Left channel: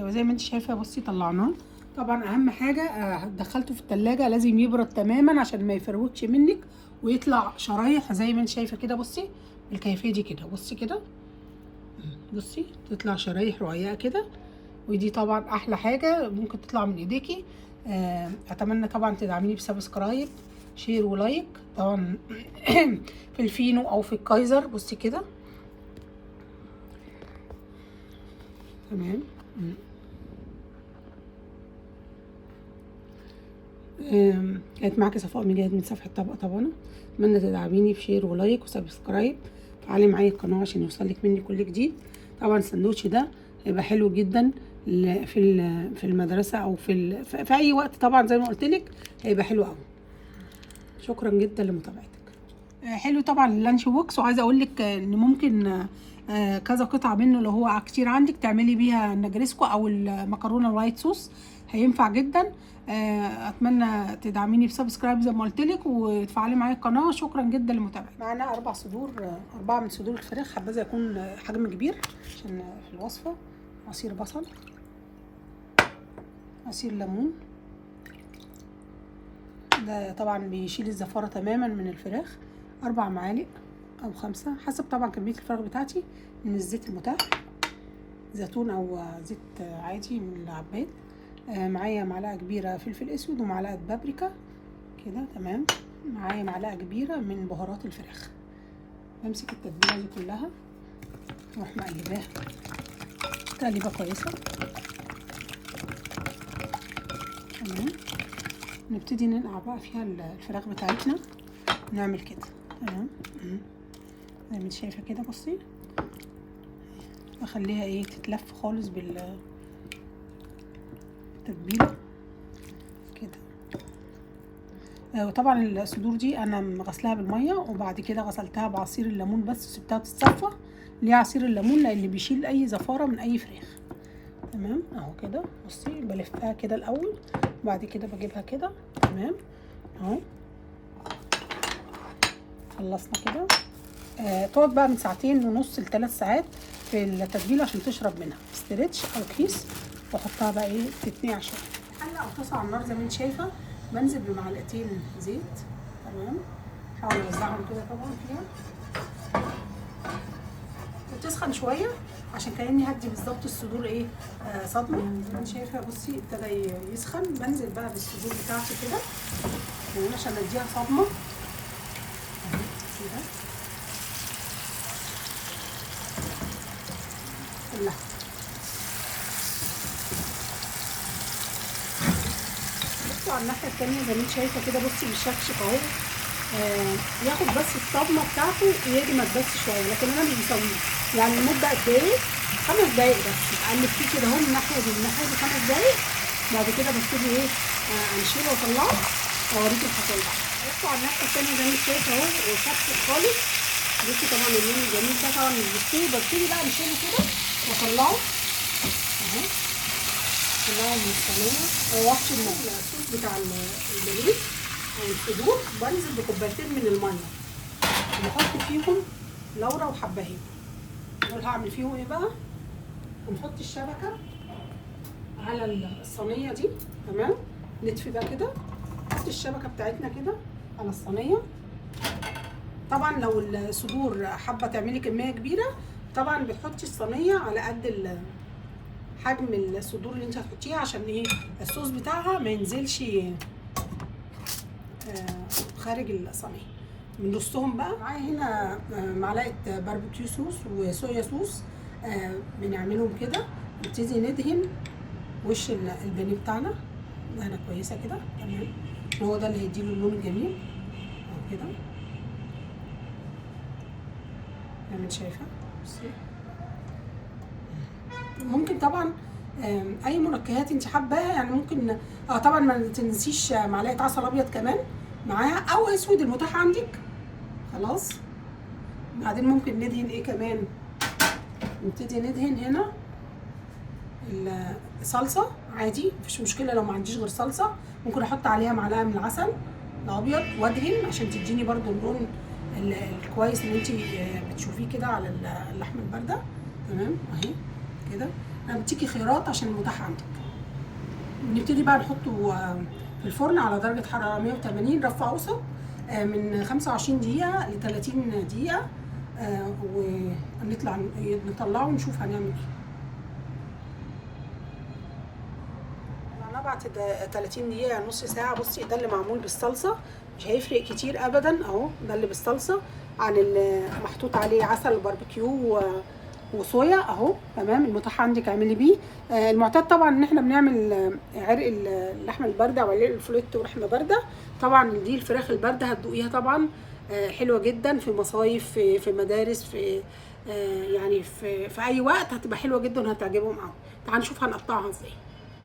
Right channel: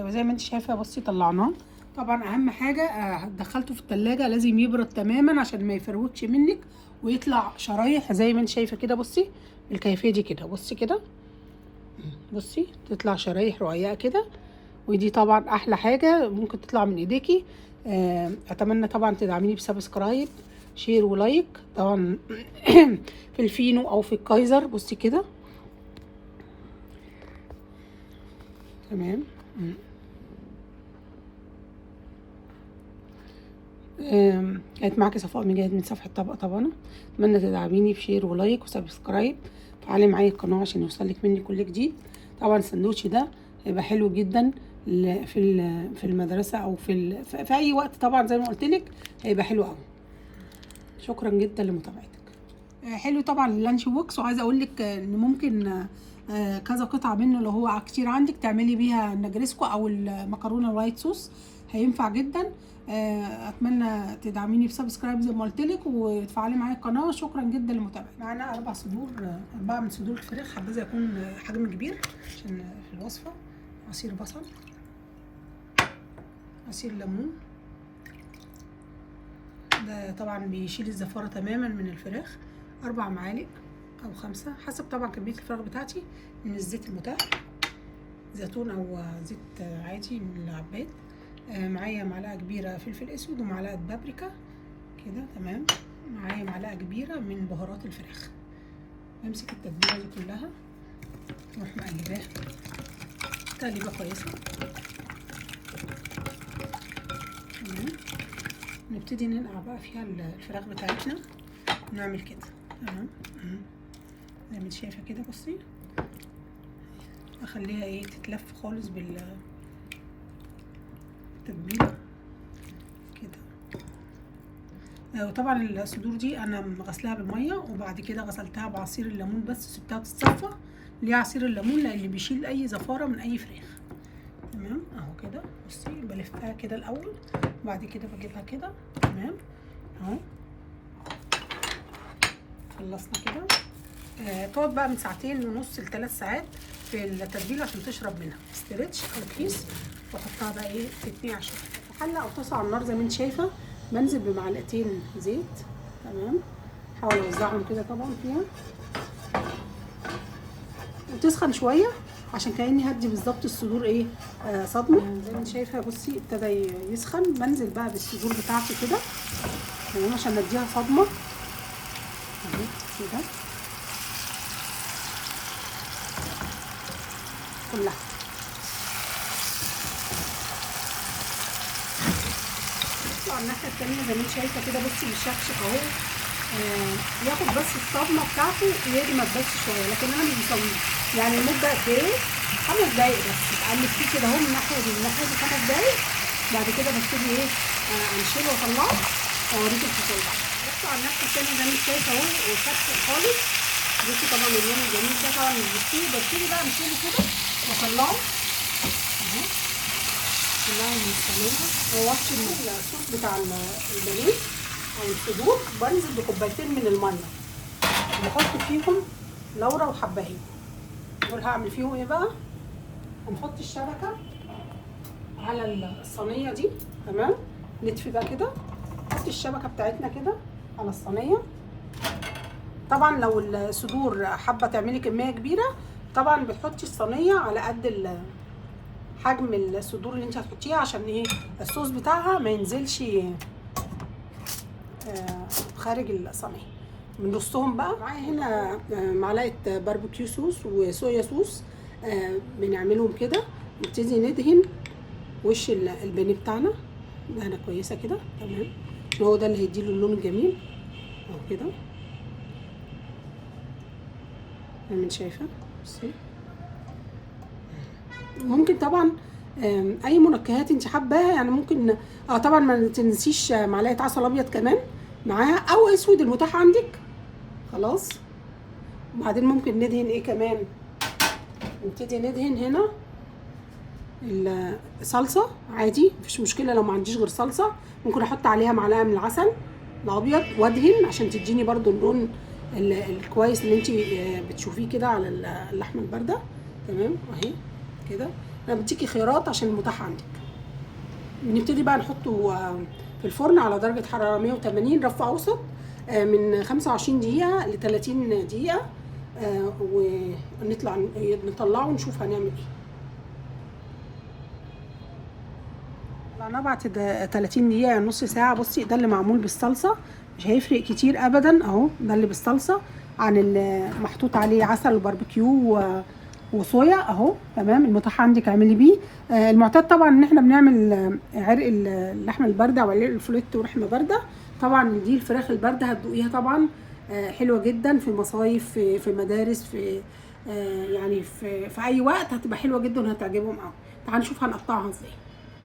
زي ما انت شايفه. بصي طلعناه. طبعا اهم حاجه دخلته في التلاجة لازم يبرد تماما عشان ما يفروتش منك ويطلع شرايح زي ما انت شايفه كده. بصي الكيفيه دي كده، بصي كده، بصي تطلع شرايح رقيقه كده. ودي طبعا احلى حاجه ممكن تطلع من ايديكي. اتمنى طبعا تدعميني بسبسكرايب، شير ولايك طبعا في الفينو او في الكايزر. بصي كده تمام. كانت معاكي صفاء مجاهد من صفحة طبق طبانة. اتمنى تدعميني بشير ولايك وسبسكرايب. فعلي معايا القناة عشان يوصلك مني كل جديد. طبعا السندوتش ده هيبقى حلو جدا في المدرسة او في اي وقت. طبعا زي ما قلت لك هيبقى حلو قوي. شكرا جدا لمتابعتك. حلو طبعا اللانش بوكس. وعايزه اقول لك ان ممكن كذا قطعه منه لو هو كتير عندك تعملي بيها النجريسكو او المكرونه الوايت صوص، هينفع جدا. اتمنى تدعميني بسبسكرايب زي ما قلت لك وتفعلي معايا القناه. شكرا جدا لمتابعتك. معانا 4 من صدور الفراخ، حبذا يكون حجم كبير عشان في الوصفه. عصير بصل، عصير ليمون، ده طبعا بيشيل الزفاره تماما من الفراخ. 4 معالق او 5 حسب طبعا كميه الفراخ بتاعتي من الزيت المتاح، زيتون او زيت عادي من العباد. معايا معلقه كبيره فلفل اسود ومعلقه بابريكا كده تمام. معايا معلقه كبيره من بهارات الفراخ. بمسك التتبيله دي كلها واروح مقلباها تقليبه كويسه تمام. نبتدي ننقع بقى فيها الفراخ بتاعتنا. نعمل كده تمام زي ما انت شايفه كده. بصي اخليها ايه تتلف خالص بالتتبيله كده. وطبعا الصدور دي انا غسلاها بالميه وبعد كده غسلتها بعصير الليمون بس سبتها تتصفى. ليه عصير الليمون؟ لان بيشيل اي زفاره من اي فراخ تمام. اهو كده بصي بلفها كده الاول وبعد كده بجيبها كده تمام اهو. خلصنا كده. تقعد بقى من 2.5 ل3 ساعات في التتبيله عشان تشرب منها ستريتش او كيس. واحطها بقى ايه تتنقع شويه. حله او طاسه على النار زي ما انت شايفه. بنزل بمعلقتين زيت تمام. احاول اوزعهم كده طبعا فيها وتسخن شويه عشان كاني هدي بالظبط الصدور ايه صدمه. زي ما انت شايفه بصي ابتدى يسخن. بنزل بقى بالصدور بتاعتي كده تمام عشان اديها صدمه كده كلها. بصوا على الناحيه التانيه زي ما انت شايفه كده. بصي بالشكشك اهو. ياخد بس الصدمه بتاعته يجمد بس شويه لكن انا مش بسويه. يعني المده قد ايه؟ 5 دقايق بس. بقلب فيه كده اهو من الناحيه دي للناحيه دي 5 دقايق. بعد كده ببتدي ايه انشله واطلعه واوريكم الحكايه. بصوا على الناحيه التانيه زي ما انت شايفه اهو وشكشك خالص. بصي طبعا اللون الجميل ده طبعا مش بتطير. ببتدي بقى انشله كده واطلعه اهو كلها من الصينيه. واغسل الصوص بتاع البانيه او الصدور. بنزل بكوبايتين من الميه وبحط فيهم لورا وحبهان. دول هعمل فيهم ايه بقى؟ هنحط الشبكه على الصينيه دي تمام. نطفي بقى كده. نحط الشبكه بتاعتنا كده على الصينيه. طبعا لو الصدور حابه تعملي كميه كبيره طبعا بتحطي الصينيه على قد حجم الصدور اللي انت هتحطيها عشان ايه الصوص بتاعها ما ينزلش خارج الصينيه. من نصهم بقى معايا هنا معلقه باربيكيو صوص وصويا صوص. بنعملهم كده. نبتدي ندهن وش البانيه بتاعنا دهنه كويسه كده تمام. هو ده اللي هيديله اللون الجميل اهو كده زي ما انت شايفه. بصي ممكن طبعا اي منكهات انت حباها. يعني ممكن طبعا ما تنسيش معلقه عسل ابيض كمان معاها او اسود المتاح عندك خلاص. بعدين ممكن ندهن ايه كمان. نبتدي ندهن هنا الصلصه عادي مفيش مشكله. لو ما عنديش غير صلصه ممكن احط عليها معلقه من العسل الابيض وادهن عشان تديني برده اللون الكويس اللي انت بتشوفيه كده على اللحمه البارده تمام اهي كده. انا بديكي خيارات عشان المتاح عندك. بنبتدي بقى نحطه في الفرن على درجه حراره 180 رف اوسط من 25 دقيقه ل 30 دقيقه، نطلعه ونشوف هنعمل ايه. طلعناه بعد 30 دقيقه نص ساعه. بصي ده اللي معمول بالصلصه، مش هيفرق كتير ابدا اهو. ده اللي بالصلصه عن اللي محطوط عليه عسل وباربيكيو وصويا اهو. تمام، المتاح عندك اعملي بيه. المعتاد طبعا ان احنا بنعمل عرق اللحمه البارده وعرق الفليت ولحمه بارده. طبعا دي الفراخ البارده هتدوقيها طبعا حلوه جدا في مصايف، في مدارس، في يعني في اي وقت هتبقى حلوه جدا وهتعجبهم قوي. تعالوا نشوف هنقطعها ازاي.